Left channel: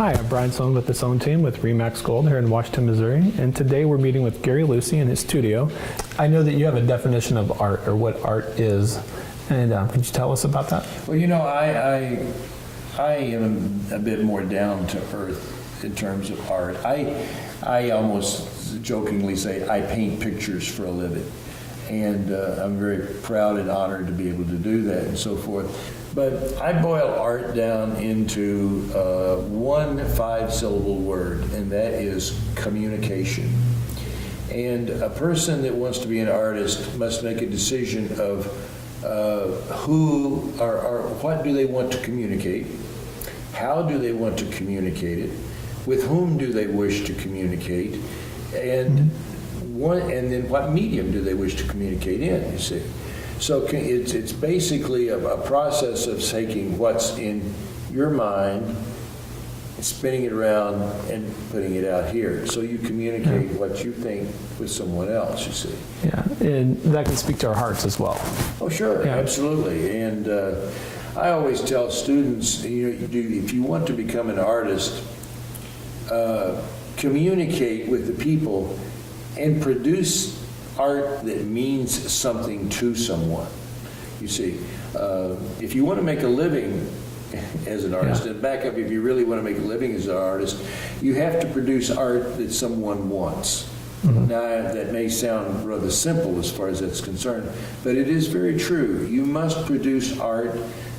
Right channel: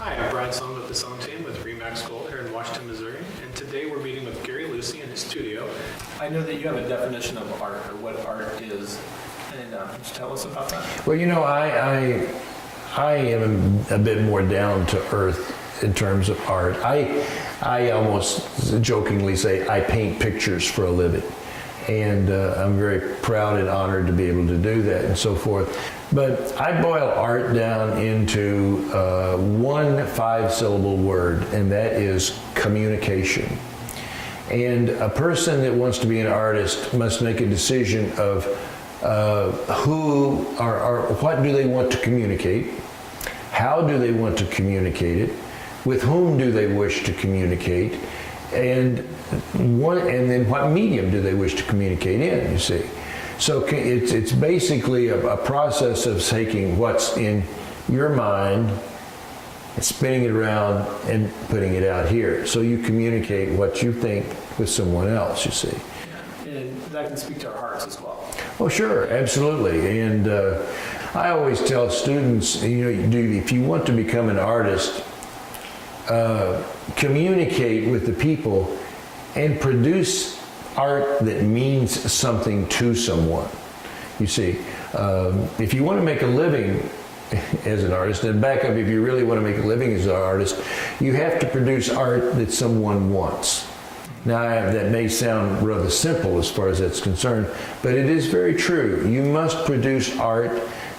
Hi, I'm Brian Sohn with the Sohn team with Remax Gold here in Washington, Missouri, and today we're meeting with Gary Lucy in his studio. I know that you have a definition of art, or what art is, and could you tell us about that? Well, you know, I am a bit more down to earth in terms of art. I almost jokingly say I paint pictures for a living. And I'm very proud and honored to be able to do that and so forth. But I boil art down into one 5-syllable word, and that is communication. And a person that wants to be an artist must make a decision of who or what do they want to communicate, how do they want to communicate it, with whom do they wish to communicate, and then what medium do they wish to communicate in, you see. So it's basically a process of taking what's in your mind, spinning it around, and putting it out here. So you communicate what you think with someone else, you see. Yeah, and that can speak to our hearts as well. Oh, sure, yeah. Absolutely. And I always tell students, if you want to become an artist, communicate with the people and produce art that means something to someone. You see, if you want to make a living as an artist, and back up, if you really want to make a living as an artist, you have to produce art that someone wants. Mm-hmm. Now, that may sound rather simple as far as that's concerned, but it is very true. You must produce art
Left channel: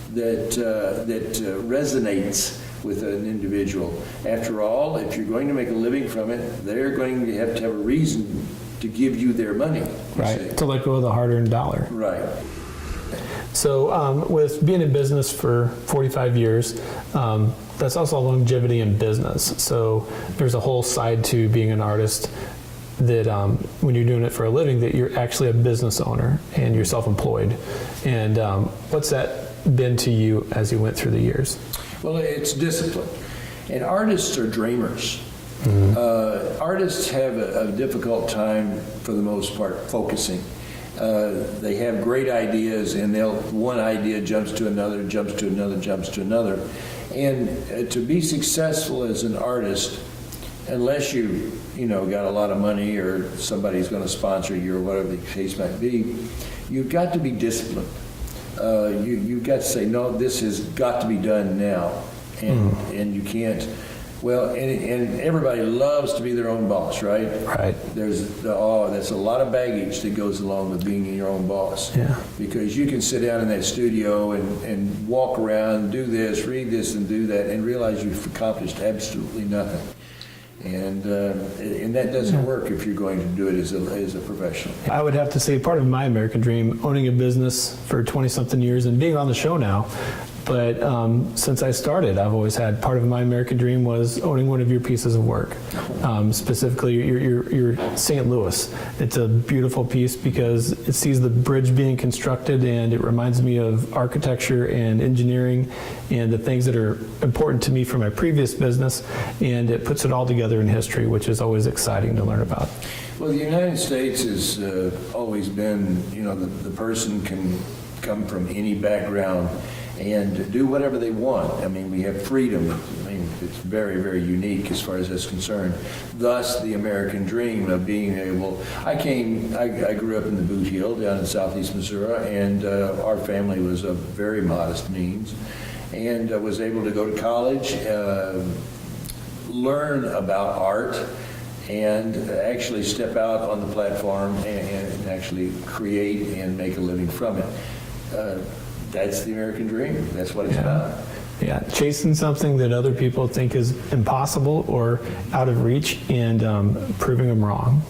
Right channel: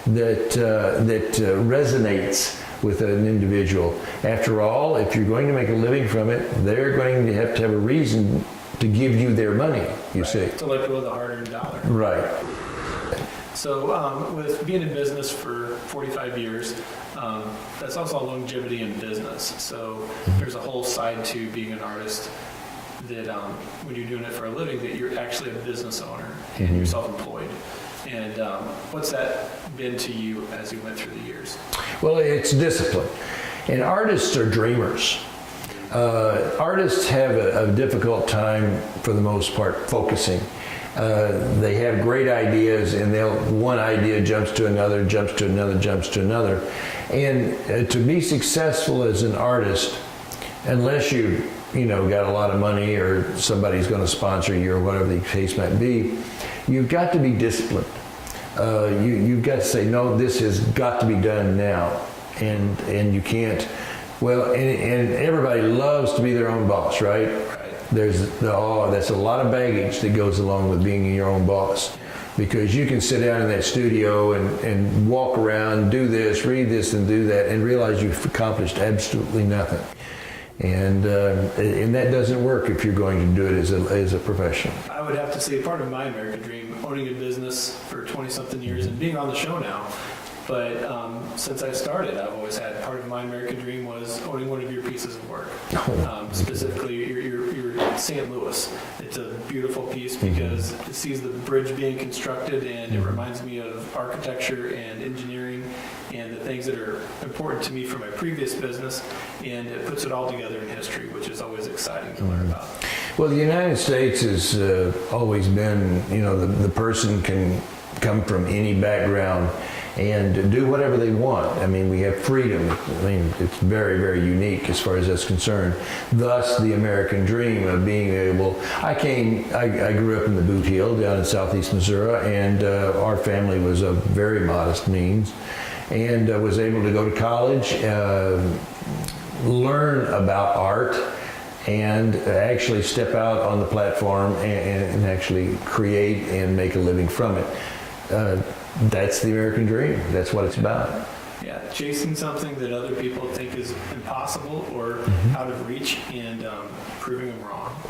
that resonates with an individual. After all, if you're going to make a living from it, they're going to have a reason to give you their money, you see. To let go of the hard-earned dollar. Right. So with being in business for 45 years, that's also longevity in business. So there's a whole side to being an artist that when you're doing it for a living, that you're actually a business owner and you're self-employed. And what's that been to you as you went through the years? Well, it's discipline. And artists are dreamers. Mm-hmm. Artists have a difficult time, for the most part, focusing. They have great ideas, and one idea jumps to another, jumps to another, jumps to another. And to be successful as an artist, unless you got a lot of money or somebody's going to sponsor you or whatever the case might be, you've got to be disciplined. You've got to say, no, this has got to be done now, and you can't. Well, and everybody loves to be their own boss, right? Right. That's a lot of baggage that goes along with being your own boss. Yeah. Because you can sit down in that studio and walk around, do this, read this, and do that, and realize you've accomplished absolutely nothing. And that doesn't work if you're going to do it as a professional. I would have to say part of my American dream, owning a business for 20-something years and being on the show now, but since I started, I've always had part of my American dream was owning one of your pieces of work. Specifically, your St. Louis. It's a beautiful piece because it sees the bridge being constructed, and it reminds me of architecture and engineering and the things that are important to me from my previous business, and it puts it all together in history, which is always exciting to learn about. Well, the United States has always been, the person can come from any background and do whatever they want. I mean, we have freedom. I mean, it's very, very unique as far as that's concerned. Thus, the American dream of being able. I grew up in the Boot Heel down in southeast Missouri, and our family was of very modest means, and was able to go to college, learn about art, and actually step out on the platform and actually create and make a living from it. That's the American dream. That's what it's about. Yeah, chasing something that other people think is impossible or out of reach, and proving them wrong.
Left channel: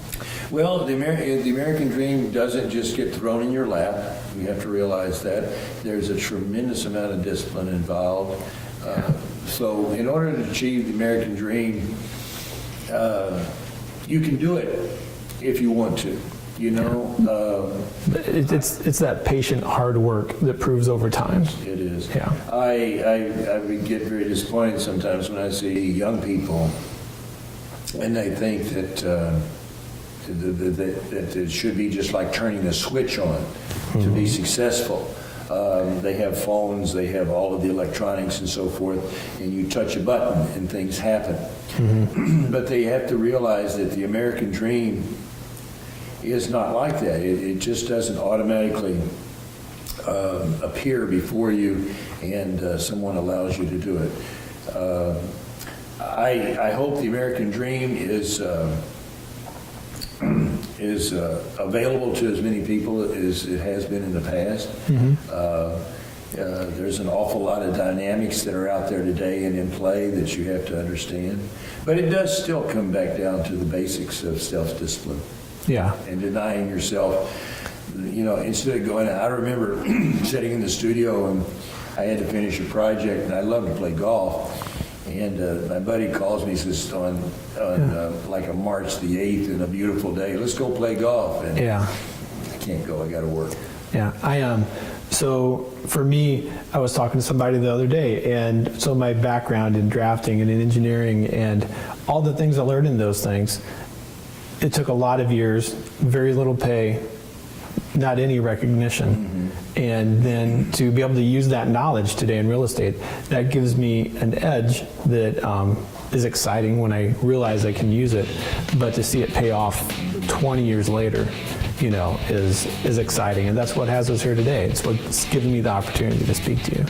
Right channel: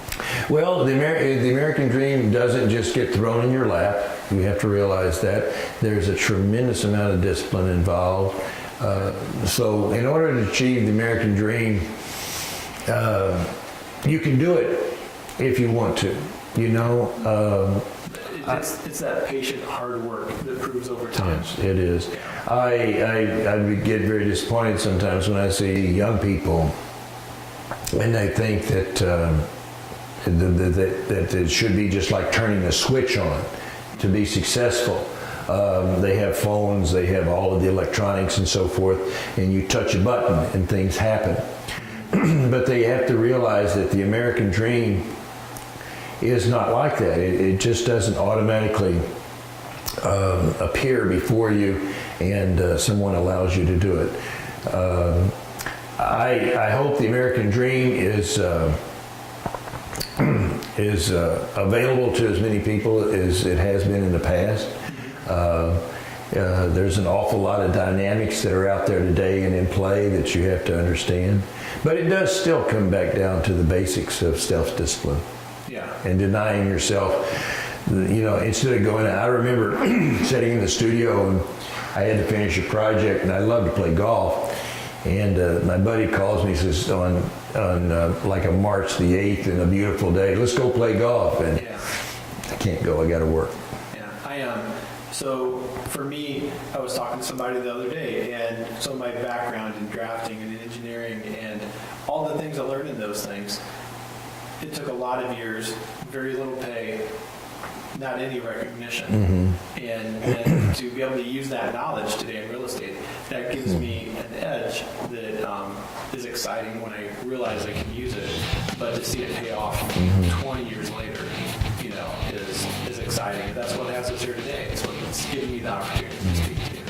Well, the American dream doesn't just get thrown in your lap. You have to realize that. There's a tremendous amount of discipline involved. So in order to achieve the American dream, you can do it if you want to. It's that patient hard work that proves over time. Yes, it is. Yeah. I get very disappointed sometimes when I see young people and they think that it should be just like turning a switch on to be successful. They have phones, they have all of the electronics and so forth, and you touch a button and things happen. But they have to realize that the American dream is not like that. It just doesn't automatically appear before you and someone allows you to do it. I hope the American dream is available to as many people as it has been in the past. There's an awful lot of dynamics that are out there today and in play that you have to understand. But it does still come back down to the basics of self-discipline. Yeah. And denying yourself, instead of going, I remember sitting in the studio and I had to finish a project and I love to play golf. And my buddy calls me, says on like a March the 8th and a beautiful day, let's go play golf. And Yeah. I can't go, I got to work. Yeah. So for me, I was talking to somebody the other day, and so my background in drafting and in engineering and all the things I learned in those things, it took a lot of years, very little pay, not any recognition. And then to be able to use that knowledge today in real estate, that gives me an edge that is exciting when I realize I can use it. But to see it pay off 20 years later, is exciting. And that's what has us here today. It's what's given me the opportunity to speak to you.